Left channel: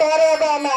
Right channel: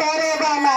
করবানা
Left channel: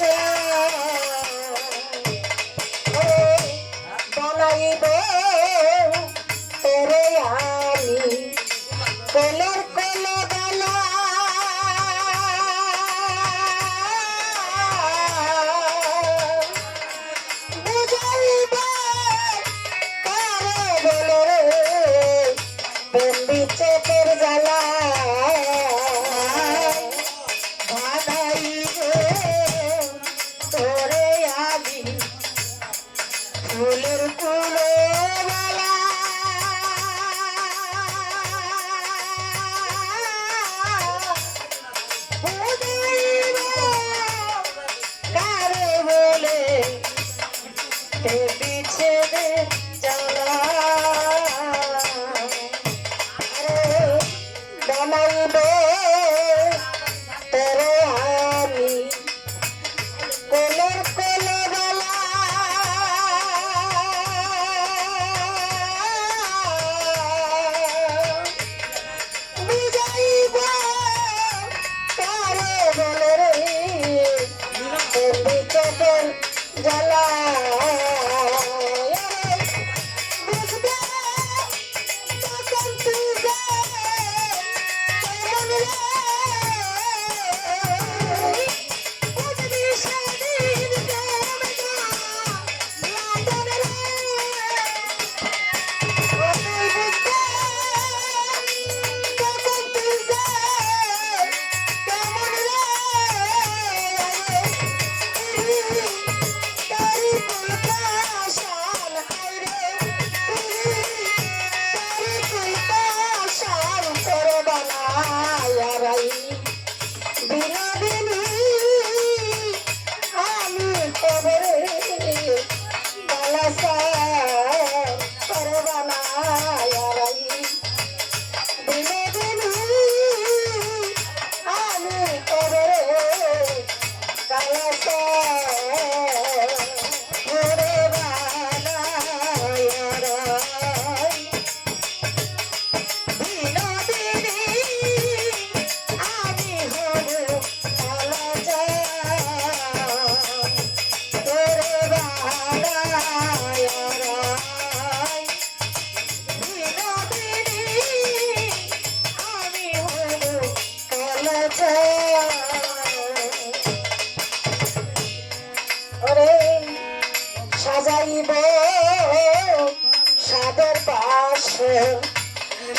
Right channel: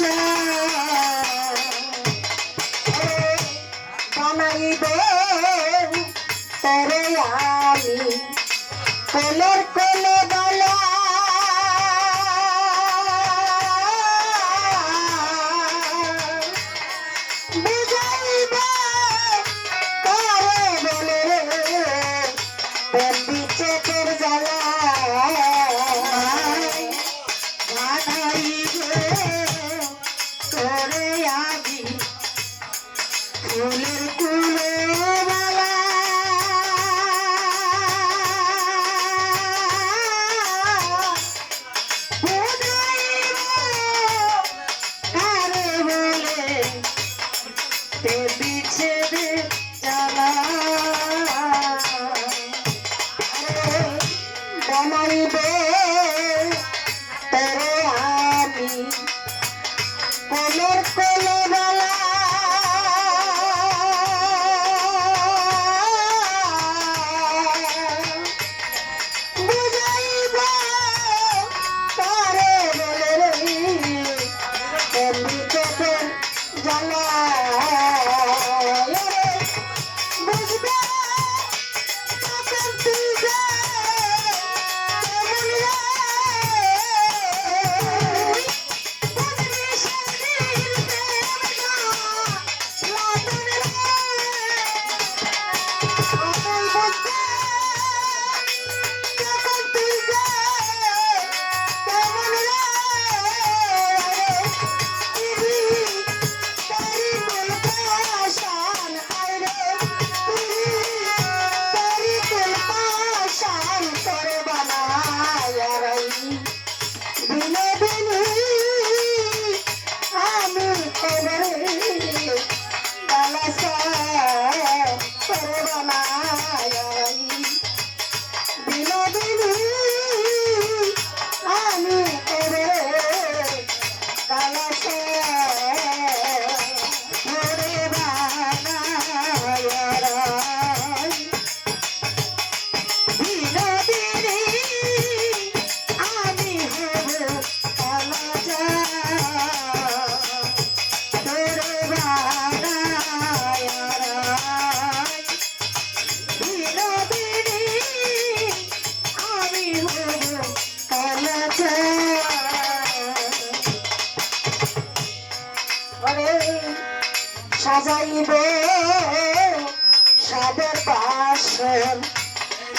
Hey, Dana, you there? Hey. দিব। সাদের পাশে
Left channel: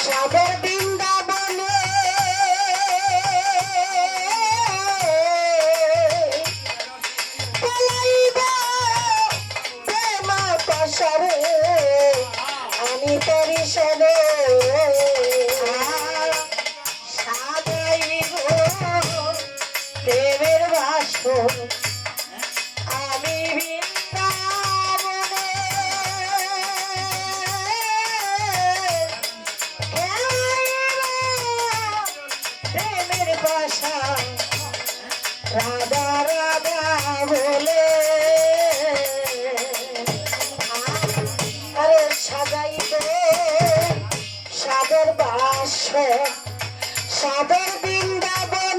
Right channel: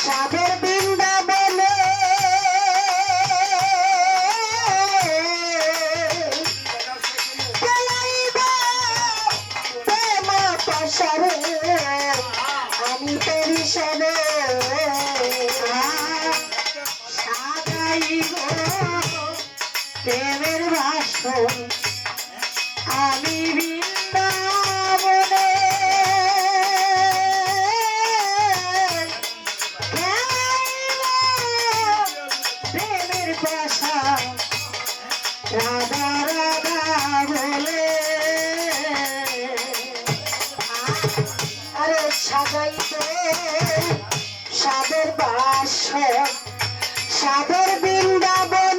সাদের বৃন্দাবনে। আমি তরি সবে দেবের প্রেমের আমি রাধা রাধা বলে। আরে সাজাইতে সাদের বাস সাদের বৃন্দাবন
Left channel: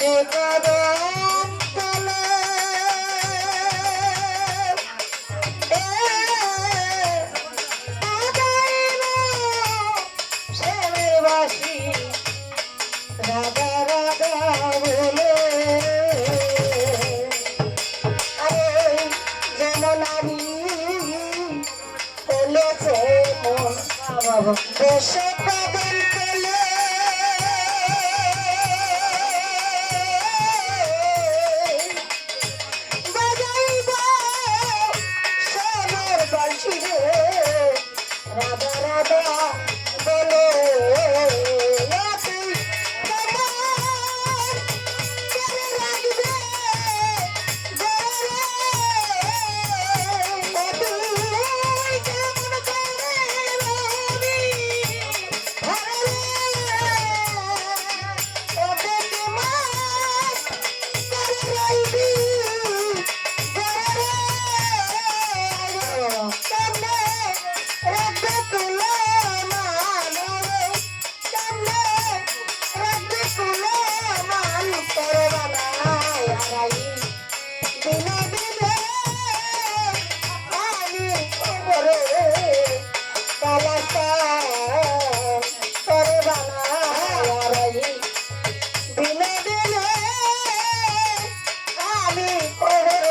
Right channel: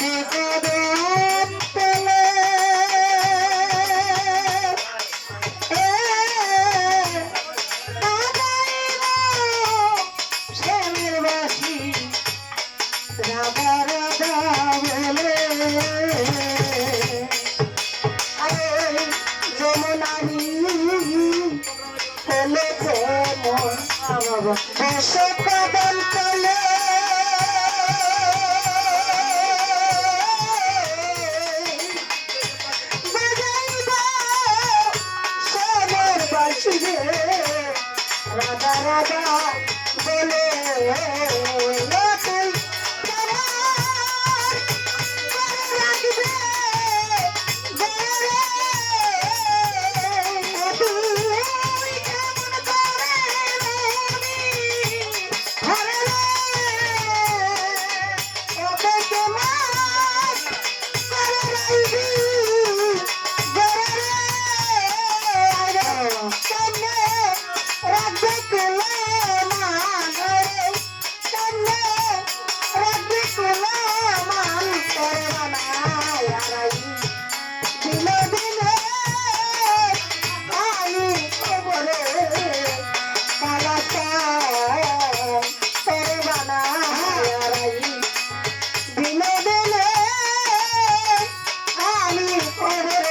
Thank you. Yeah.